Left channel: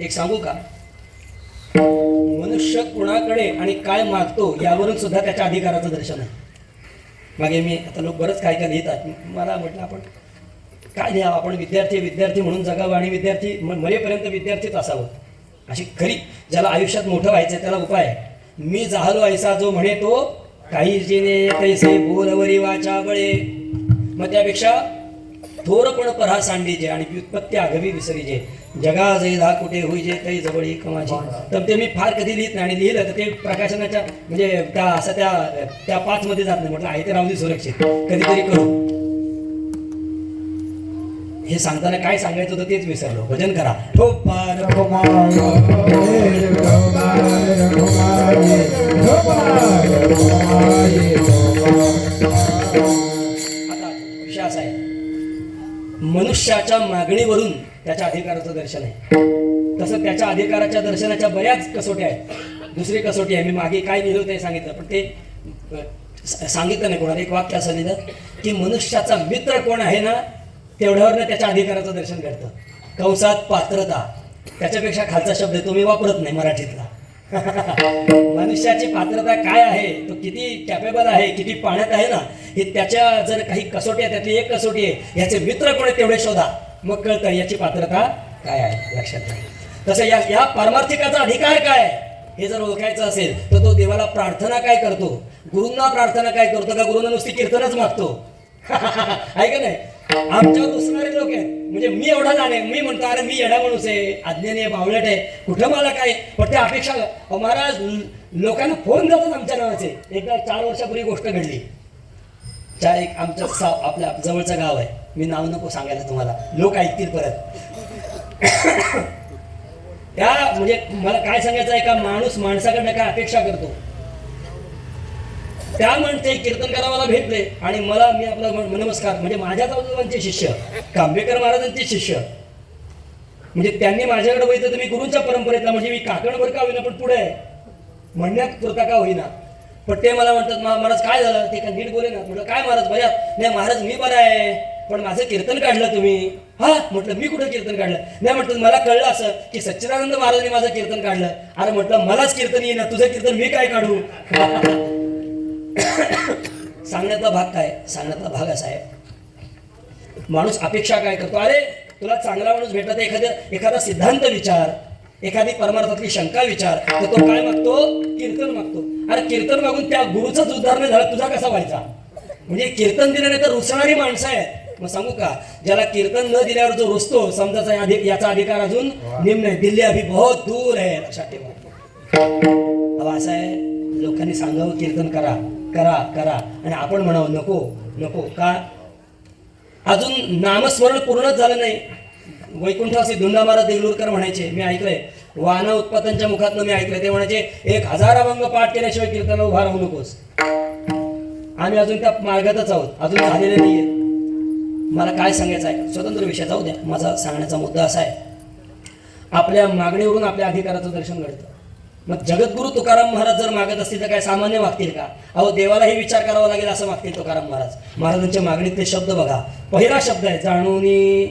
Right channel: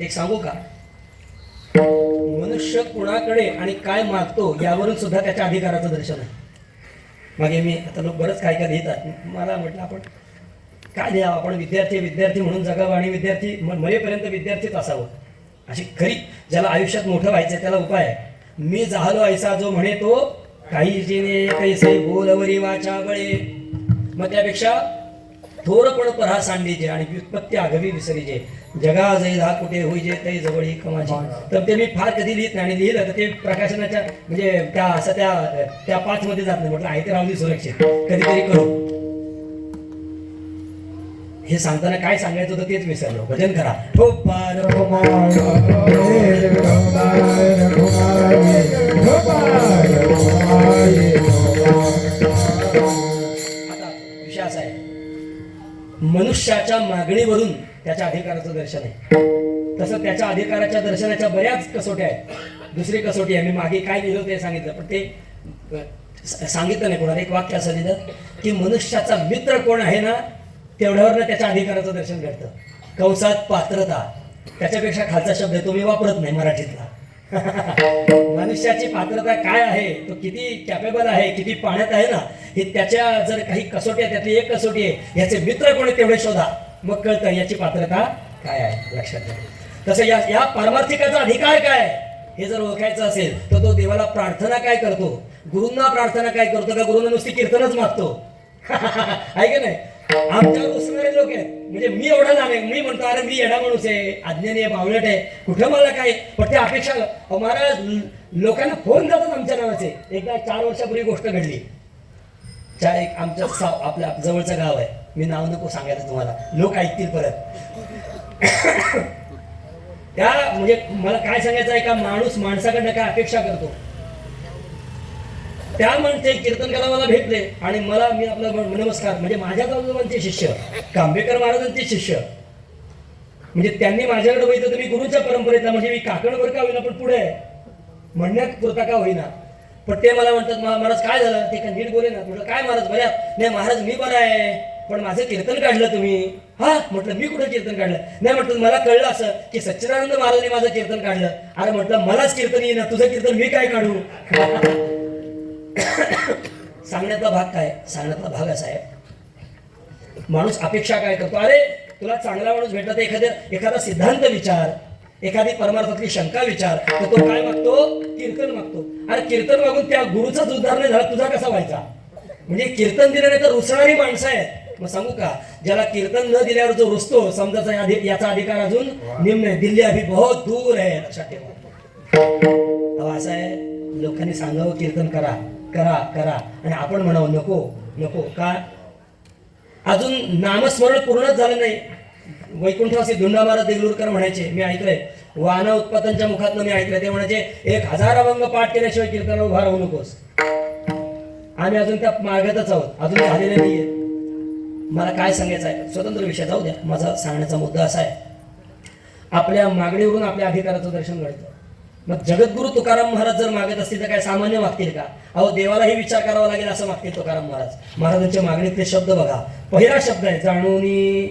एक सांगू का, मनुष्य कुणाकडे आणि काय मागतो यावरून सुद्धा त्याच्या अधिकाराचं दर्शन आहे. मागे मी आता लोक बरंच काय काय लिहितात, मला म्हटलं आपण काय लिहावं, आपण विद्यार्थी म्हणून जगावं आणि विद्यार्थी मरेपर्यंत विद्यार्थीच असावं, अशी खरी ज्याला आयुष्यात मोठं व्हायचं त्याला उपाय आहे. मी झालो ऐसा जो म्हणे तो काही जिने कैसे बोलवरी वाचा बळे. मग त्यापेक्षा थोरपण परा सांडीचे आणि व्युत्पत्ती आगवी विसरीचे. जगा जय धा कुठे होईजे तै जवळी कमाची. तर ते मी फार कधी लिहित नाही आणि लिहिलं तर ते प्रकाशनाच्या म्हणजे त्या असं त्या 5 मध्ये जात नाही. म्हटलं आहे ते रावली सुरक्षित कधीतरी करू. हे सांगताना काय सांगायचं होतं तेच विसरलो. भजन करा. आता विषय असा आहे, मनुष्याच्या मागणीवरून त्याच्या अधिकाराचं दर्शन आहे. तसं त्याच्या अधिकाराच्या दर्शनाच्या बऱ्याच कसोट्या आहेत. दुसरी कसोटी आहे, मी मागे काय लिहिलं ते सांगितलं, पण ते सांगितलं नाही कोणाला. एक वाक्य असं लिहिलं की मनुष्याचा मित्र कोण आहे ना तेवढ्यावरनं त्याच्या अधिकाराचं दर्शन घडतं. कंसात पात्रता, त्याच्यापेक्षा खालचा शब्द आहे तो मी वापरत नाही मराठीतला. मनुष्याची पात्रता काय आहे, तो किती कॅपेबल आहे, किती पाण्यात आहे ना, हे त्याच्या जर काही कसोटी आहे त्यातली एक कसोटी आहे, याचे मित्र कोण आहे तेवढे शोधा, मग कळतं याची पात्रता काय आहे. लक्षात घ्या. तसं या पारमार्थिकाचा अधिकार काय आहे हे जर ओळखायचं असेल तर तो देवाला प्रार्थना काय करतो, गुरूंना प्रार्थना काय करतो, का गुरूंना नुसती कीर्तनच मागतो. आहे का नाही. आमच्यावर उसणारे लोक आहेत, म्हणजे मी एवढा जाणे, मी म्हणतो अरे मी येडा माणूस आहे, अज्ञानी आहे, बावळट आहे, कुठं मला काय, पण ते अपेक्षा महाराज लोकांना फोन जातात आमच्या नावाचे. एकदा 4 वर्षापूर्वी गोष्ट घडली. एक आमच्या आपल्या जवळचं गाव आहे, मी नाव नको सांगायचं तुम्हाला, लोक ऐकतील परत. त्या म्हणजे मला काय सांगायचं आहे का, माणूस माणसाकडनं काय अपेक्षा करतो. त्या म्हणते कीर्तन करा मला भेटले आणि मला मी आपला नमस्कार, म्हणजे माझ्या बाजूचे शिष्य कांबेकर महाराजांचे शिष्य, म्हणजे त्यांनी माझ्याकडे बघितलं तर मी गुरूंच्या परंपरेतला, म्हणजे मी काकणभर का होईना पण पुढे आहे म्हणण्यात पुरता का होईना. पण ते मला म्हणतात महाराज काय झालं, ते काय नीट बोले ना. म्हटलं काय महाराज बऱ्या, नाही महाराज मी बरा आहे, पण माझं कीर्तन काढलं तुम्ही. हा म्हटलं मी कुठं कीर्तन काढलं, नाही म्हटलं मला कळलं असं की सच्चिदानंद महाराजांनी माझं कीर्तन काढलं. अरे म्हटलं मलाच कीर्तन येईना, तुझं कीर्तन मी काय काढू. सांगण्यातला भाग काय, सांगण्यातला भाग असा आहे, माणूस अपेक्षा काय करतो, अरे तुला चांगला माणूस भेटला तर एखादा सिद्धांत विचार, एखादी परमार्थातली शंका विचार, तर तो काय मागतो, कीर्तन मागतो. अरे कीर्तन मागून त्या गुरुचाच उद्धार नाही झाला, तुझा कसा व्हायचा. म्हणजे कीर्तन दिलं नाही तर रुसणारी माणसं आहेत. मग सांगू का, ज्याला कीर्तन न दिल्यावर जो रुसतो समजाचा याचा अधिकार अजून निम्न आहे. दिल्ली अभी बहुत दूर आहे, लक्षात ठेवा. असं आहे, लोकांनी सांगावं कीर्तन करा करा करा आणि आपण म्हणावं नको नको. का अजून नामस्मरण पूर्णच झालं नाही. वैकुंठवासी धुंडा महाराज देगलूरकर म्हणायचे, मी ऐकलंय वाना उत्पादनच्या मुखातनं मी ऐकलंय, ते म्हणायचे 1000 अभंग पाठ केल्याशिवाय कीर्तनाला उभा राहू नकोस. आम्ही अजून त्या मार्गातच आहोत, अजून झालेलं नाहीये. मला काय सांगायचं आहे, स्वतंत्र विषय जाऊ द्या. माझा सांगण्याचा मुद्दा असा आहे, आपल्या मागणीवरून आपल्या अधिकाराचं दर्शन घडतं. मग जगद्गुरु तुकाराम महाराज जर मागत असतील तर काय सामान्य मागतील का. अहो देवालाही विचार करावा लागेल असं मागतील तुकाराम महाराज. महाराजांच्या मागणीतले शब्द बघा. पहिला शब्द आहे जाणूनी,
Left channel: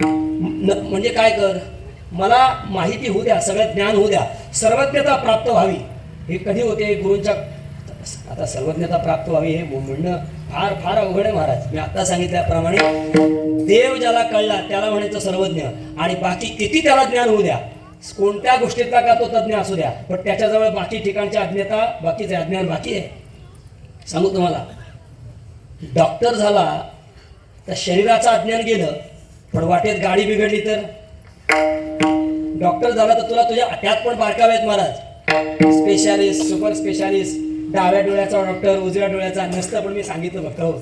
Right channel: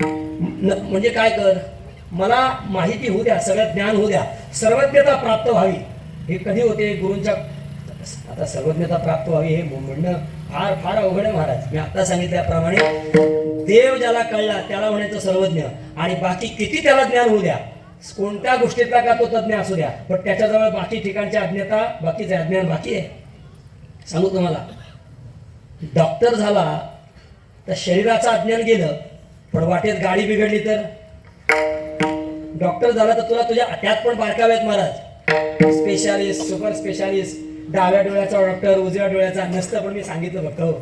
म्हणजे काय कर, मला माहिती होऊ द्या, सगळं ज्ञान होऊ द्या, सर्वज्ञता प्राप्त व्हावी. हे कधी होते गुरूंच्या, आता सर्वज्ञता प्राप्त व्हावी हे म्हणणं फार फार अवघड आहे महाराज. मी आता सांगितल्याप्रमाणे देव ज्याला कळला त्याला म्हणायचं सर्वज्ञ, आणि बाकी किती त्याला ज्ञान होऊ द्या, कोणत्या गोष्टीतला का तो तज्ञ असू द्या, पण त्याच्याजवळ बाकी ठिकाणची अज्ञता बाकीचे अज्ञान बाकी आहे. सांगू तुम्हाला, डॉक्टर झाला तर शरीराचं अज्ञान गेलं, पण वाटेत गाडी बिघडली तर. डॉक्टर झाला तर तुला तुझ्या त्यात पण बारकावे आहेत महाराज, स्पेशालिस्ट, सुपर स्पेशालिस्ट, डाव्या डोळ्याचा डॉक्टर, उजव्या डोळ्याचा नसतं, पण मी सांगितलं फक्त हो.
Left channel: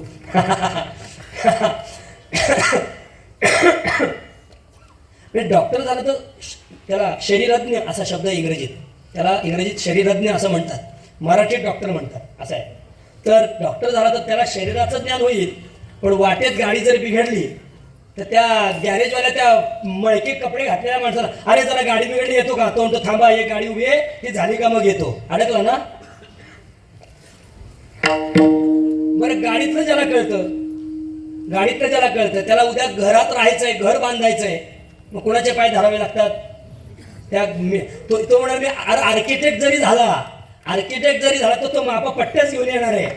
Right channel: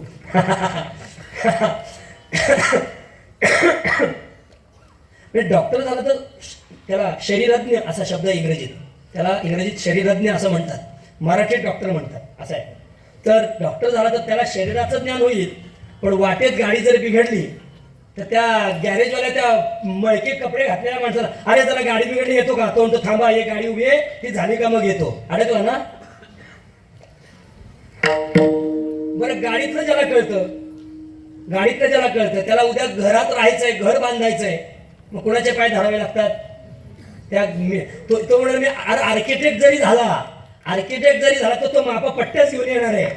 डॉक्टर झाला तर त्याला शरीरज्ञ असा शब्द इंग्रजीत, त्याला इंग्रजीत शरीरज्ञ असं म्हणतात, मराठीत डॉक्टर म्हणतात असं आहे. तर डॉक्टर झाला तर त्याला शरीराचं ज्ञान होईल, पण वाटेत गाडी जर बिघडली तर त्या गॅरेजवाल्या त्या मळके कपडे घातलेल्या माणसाला, अरे जरा गाडी बिघडली येतो का, तो म्हणतो थांबा हे गाडी उभी आहे, ती झाली का मग येतो. अडकला ना. बरं गाडीतलं ज्याला कळतं त्याला उद्या घरात राहायचंय, घर बांधायचंय, मग कोणाचे पाय धरावे लागतात? तो म्हणाल मी आर्किटेक्ट जरी झाला तो मापा पट्ट्याच घेऊन येणार आहे.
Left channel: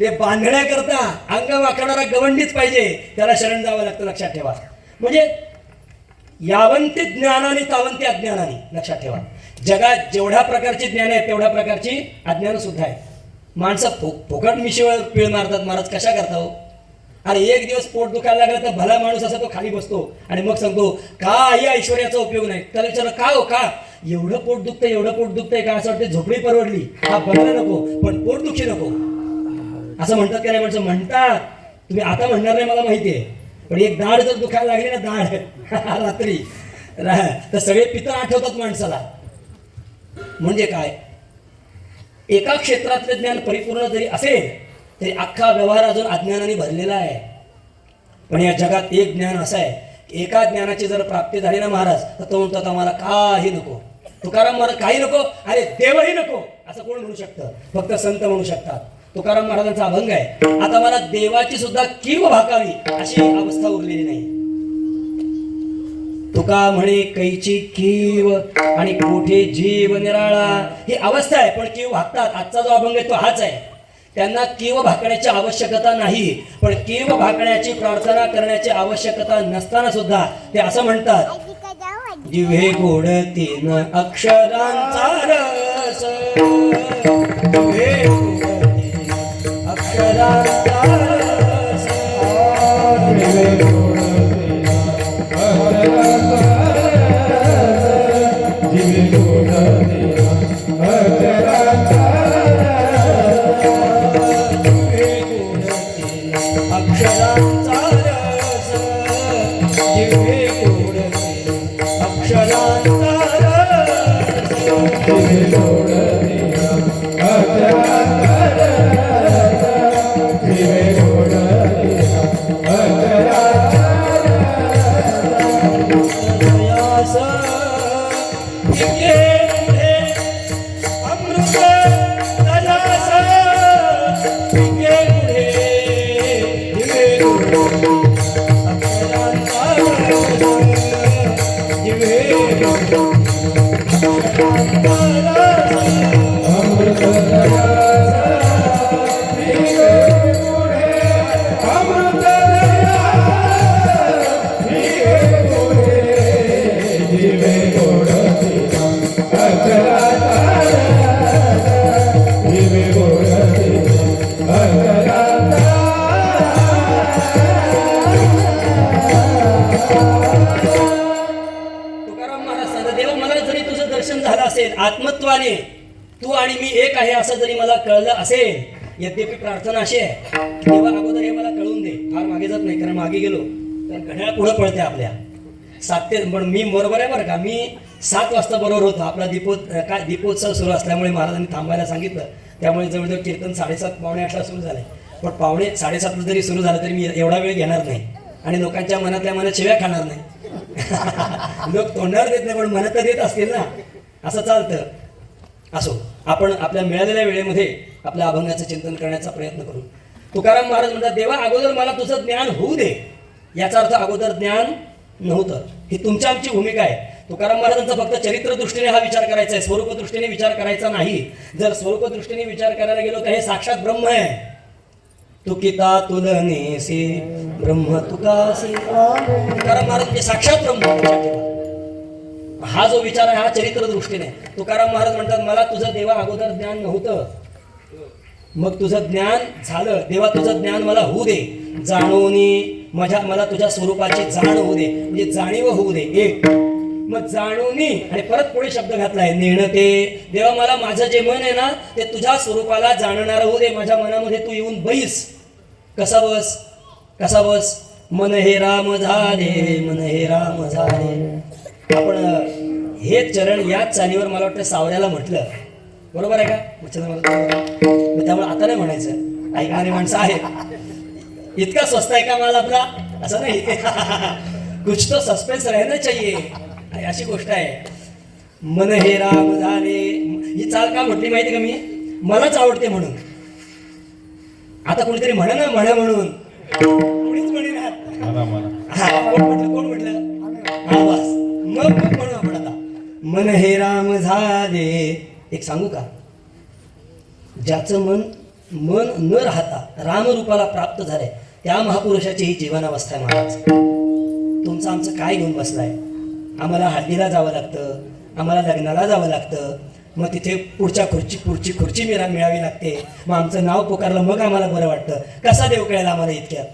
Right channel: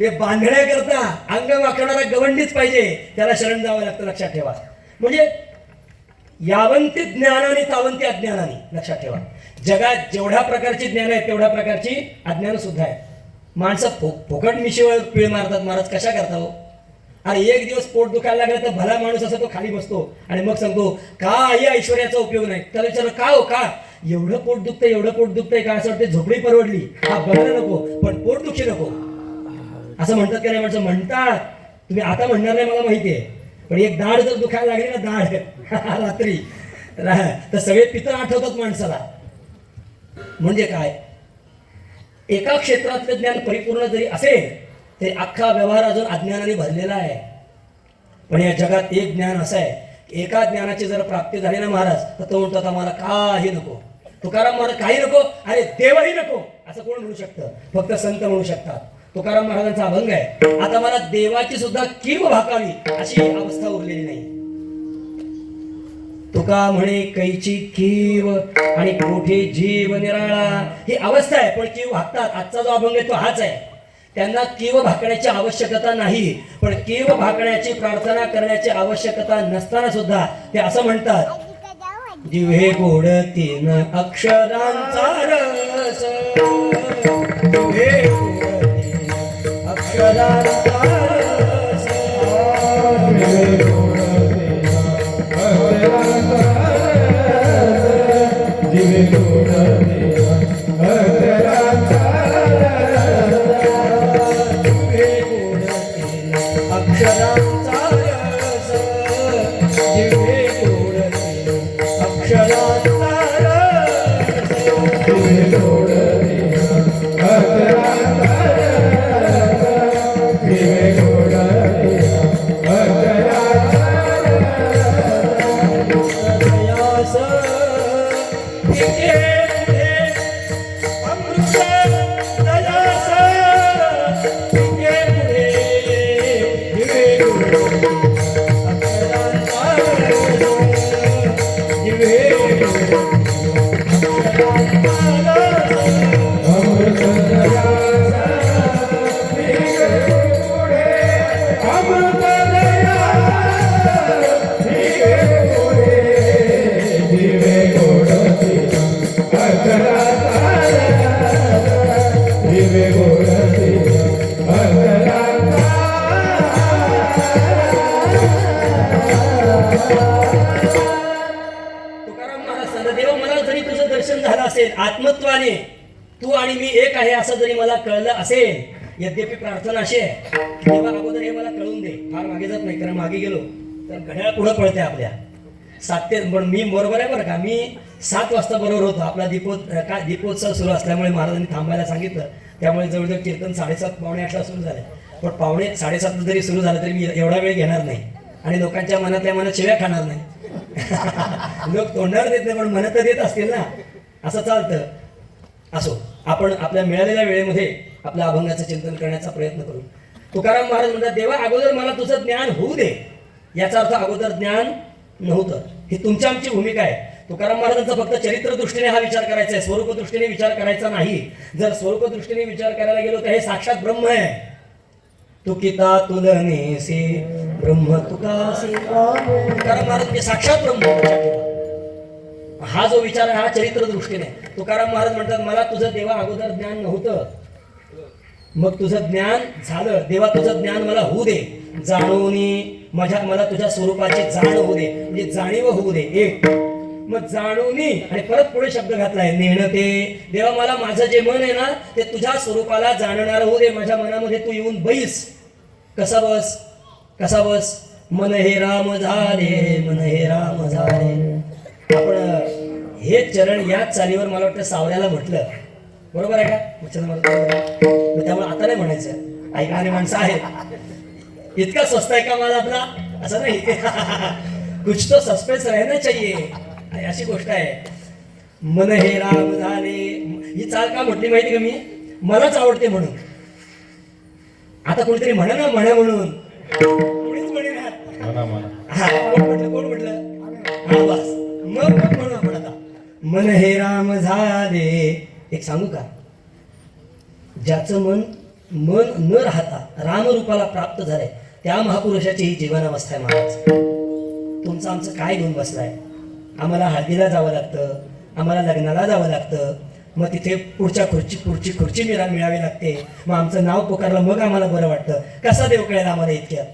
ते बांधण्याकरता अंग वाकणारा गवंडीच पाहिजे, त्याला शरण जावं लागतं. लक्षात ठेवा. म्हणजे यावंती ज्ञानाने तावंती अज्ञानाने. लक्षात ठेवा, जगात जेवढ्या प्रकारची ज्ञान आहे तेवढ्या प्रकारची अज्ञान सुद्धा आहे. माणसं फुकट मिशीवर पीळ मारतात. महाराज कशा करता हो? अरे एक दिवस पोट दुखायला लागलं तर भला माणूस असा तो खाली बसतो आणि मग सांगतो काही ऐश्वर्याचा उपयोग नाही. त्याला विचारलं का हो, का एवढं पोट दुखतंय का? असं वाटतं झोपडी परवडली, हा बंगला नको पण पोट दुखी नको, असं म्हणतात का नाही? माणसं म्हणतात. तुम्ही आता म्हणणार नाही मला माहिती आहे, पण एक दाढ जर दुखायला लागली ना, दाढ रात्री, तर सगळे पितं आठवतात माणसाला. म्हणजे काय? एका क्षेत्रातलं ज्ञान परिपूर्ण जरी असेल तरी अख्खा व्यवहार अजून अज्ञानाने भरलेला आहे. पण या जगात एक ज्ञान असं आहे, एका ज्ञानाची जर प्राप्ती झाली ना महाराज, तर तो म्हणतात आम्हाला काही नको. तुकाराम महाराज काही नको, अरे देवही नको असं कोण म्हणू शकतं? फक्त संत म्हणू शकतात. तुकाराम महाराजांचा अभंग आहे, आता मला देवाची सुद्धा कीव भाकावी अशी अवस्था उरलेली नाही. तुका म्हणे कैची कीव आणि कोठे जीव निराळा, ही अवस्था आहे. पण कीव भागतात. आजचा जो अभंग आहे तो हाच आहे. त्यांना कीव भाकण्याची आवश्यकता नाही, पण कीव भाकण्याची प्रार्थना करण्याची आवश्यकता नसताना सुद्धा ते असं म्हणतात, जिव्हे गोड तीन अक्षरांचा रस, जिव्हे गोड तीन अक्षरांचा रस, जिव्हे गोड तीन अक्षरांचा रस, जिव्हे गोड तीन अक्षरांचा अक्षरांचा रस, जिव्हे गोड तीन अक्षरांचा रस, जिव्हे गोड तीन अक्षरांचा रस, जिव्हे गोड तीन अक्षरांचा रस, जिव्हे पुढे अमृत रस, जिव्हे पुढे आत्मत्वाने तू आणि मी एक आहे असं जरी मला कळलं असेल, यद्यपि प्रार्थना अशी आहे, देवा अगोदर हे मला कळून दे. फार मागे जात नाही, कारण मागे गेलो तर घड्याळ पुढे पळते आपल्या. 7 ते, पण मी बरोबर आहे बरं का, मी 7 वाजता बरोबर होतो. आपला दीपोत्सव सुरू असल्यामुळे महाराजांनी थांबायला सांगितलं, त्यामुळे जवळजवळ कीर्तन 7:30 पावणे 8ला सुरू झालं. पण पावणे 7:30 जरी सुरू झालं तरी मी एवढा वेळ घेणार नाही आणि लोकांच्या मनातल्या मनात शिव्या खाणार नाही. लोक तोंडावर देत नाही पण मनात तर देत असतील ना, असं चालतं. असो, आपण आपल्या मिळालेल्या वेळेमध्ये आपल्या अभंगाचं चिंतन करण्याचा प्रयत्न करू. तुकाराम महाराज म्हणतात, देवा अगोदर मला तुझं ज्ञान होऊ दे. याचा अर्थ अगोदर ज्ञान नव्हतं. ही तुमची आमची भूमिका आहे. तुकाराम महाराजांचा फक्त चरित्र दृष्टीने हा विचार करायचा आहे, स्वरूप दृष्टीने विचार करायचा नाही. जर स्वरूप दृष्टीने विचार करायला गेलो तर हे साक्षात ब्रह्म आहे. तुकिता तुलनेसी ब्रह्म तुकासी. तुकाराम महाराज म्हणजे साक्षात ब्रह्म. हा जो विचार आहे हा चरित्र दृष्टीने. तुकाराम महाराज म्हणतात, मला तुझं देवा अगोदर ज्ञान नव्हतं, मग तुझं ज्ञान झालं. देवा तुझं ज्ञान मला होऊ दे, जाणूनी मला तुझ्या स्वरूपाची जाण होऊ दे, म्हणजे जाणीव होऊ दे. एक मग जाणूनी आणि परत पुढे शब्द घातलाय नेणते. देवा मला माझं जे मन आहे ना ते तुझ्या स्वरूपाला जाणणार होऊ दे. माझ्या मनामध्ये तू येऊन बैस. कसा बस? मन हे राम झाले, मन हे राम झाले. आपण हे चरण याच चालीवर मला वाटतं सावऱ्याला म्हटलं, बरोबर आहे का? त्यामुळे आता नाही म्हणायचं, ऐकणारे माणसं आहेत. इतका स्वस्त आहे का माल आपला? असं नाही. कुछ तो सस्पेन्स रहना चाहिए, आणि अशी गोष्ट आहे. मन हे राम झाले, ही चाल का म्हटली माहिती का मी? मलाच आवडते म्हणून. आता कोणीतरी म्हणा ना म्हणे म्हणून कोणीच म्हणेना. म्हणा म्हणा. हा, कोण म्हटलं हा, बस मग म्हणू आपण आता. मन हे राम झाले. एक सांगू का, ज्याचं मन न राहता रामरूपाला प्राप्त झालंय त्या महापुरुषाची ही जीवनावस्था आहे महाराज. तुमचं आमचं काय घेऊन बसलाय? आम्हाला हळदीला जावं लागतं, आम्हाला लग्नाला जावं लागतं, मग तिथे पुढची खुर्ची मिळावी लागते, मग आमचं नाव पुकारलं मग आम्हाला बरं वाटतं. कसा देव कळेल आम्हाला इतक्यात?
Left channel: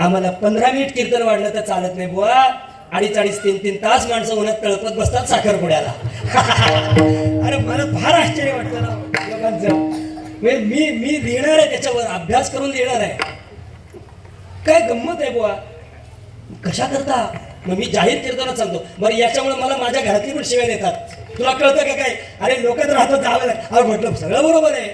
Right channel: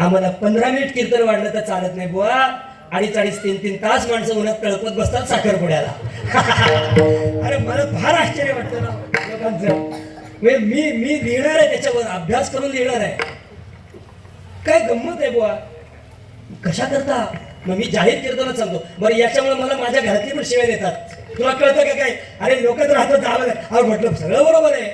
आम्हाला 15 मिनिट कीर्तन वाढलं तर चालत नाही बुवा. 2.5-3 तास माणसं उन्हात कळपत बसतात साखरपुड्याला. अरे मला फार आश्चर्य वाटतं ना लोकांचं. मी लिहिणार आहे त्याच्यावर, अभ्यास करून लिहिणार आहे. काय गंमत आहे बुवा, कशा करता? मग मी जाहीर कीर्तनात सांगतो. बरं याच्यामुळे मला माझ्या घरातली पण शिवाय देतात. तुला कळतं का काय? अरे लोक तर राहतात जावं लागतं. अरे म्हटलं सगळं बरोबर आहे.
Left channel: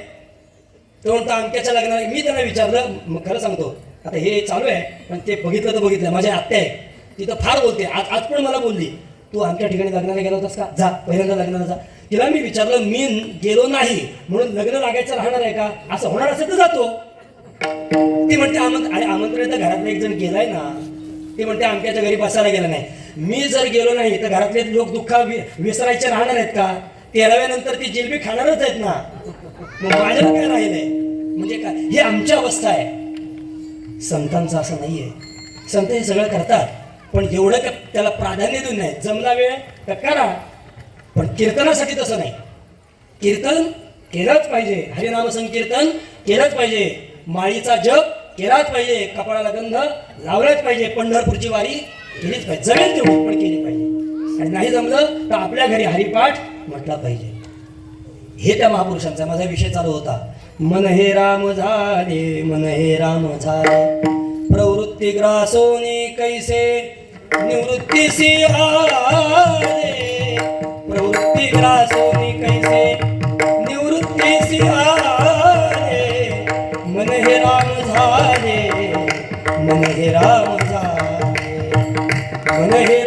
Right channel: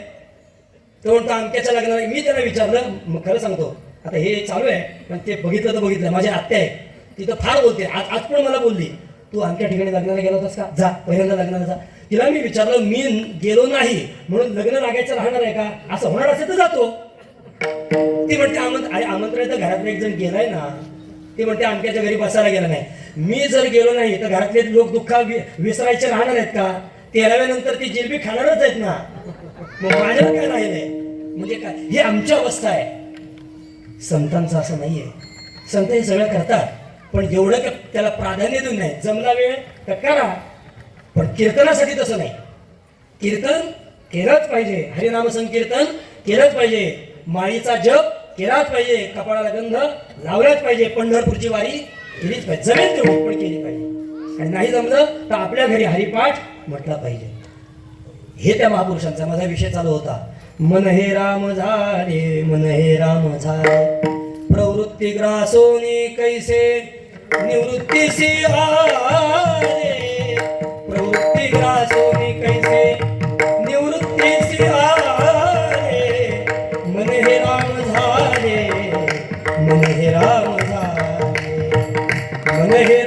तो म्हणतो अमक्याच्या लग्नाला. मी त्यांना विचारलं, मग खरं सांगतो आता हे चालू आहे पण ते बघितलं तर बघितलं. माझी आत्या आहे तिथं फार बोलते. आज पण मला बोलली, तू आमच्या ठिकाणी लग्नाला गेला होतास का? जा पहिल्यांदा लग्नाला जा. तिला मी विचारलं, मी गेलो नाही म्हणून लग्न लागायचं राहणार आहे का? असं होणार असेल तर जातो. ती म्हणते आमंत्रण तर घरातले एक जण गेलाय ना. ती म्हणते आमच्याच्या घरी बसायला गेला नाही. मी जर गेलो नाही तर घरातले लोक दुःख विसरायचे राहणार आहेत का? 13व्यानंतर ती जिलबी खाणारच आहेत ना. मग माझ्याला काय राहिलंय म्हणजे काय? ही आमची अवस्था आहे. संतांचं असं नाहीये. संत हे सगळं करतात पण एवढं का त्याला प्राधान्य देऊन नाही. जमला वेळ तर करा, पण कीर्तनासाठी तसं नाही. कीर्तन केलंच पाहिजे, हरिनाम संकीर्तन केलंच पाहिजे, माळीचा जप केलाच पाहिजे, कपाळाला गंध लावलाच पाहिजे, पंढरपूरची वारी केलीच पाहिजे, जमेल तेवढी पण केली पाहिजे. आणि नाही जमलं तर आपल्या घरी हरिपाठ म्हटला पाहिजे. हे त्या महापुरुषांचा माझा विषय चालू होता. मन हे राम झाले, मन हे राम झाले, प्रवृत्ती ग्रासोनी कैसे निवृत्तीसी आले, प्रवृत्ती ग्रासोनी कैसे निवृत्तीसी आले, मन हे राम झाले, मन हे राम झाले, मन हे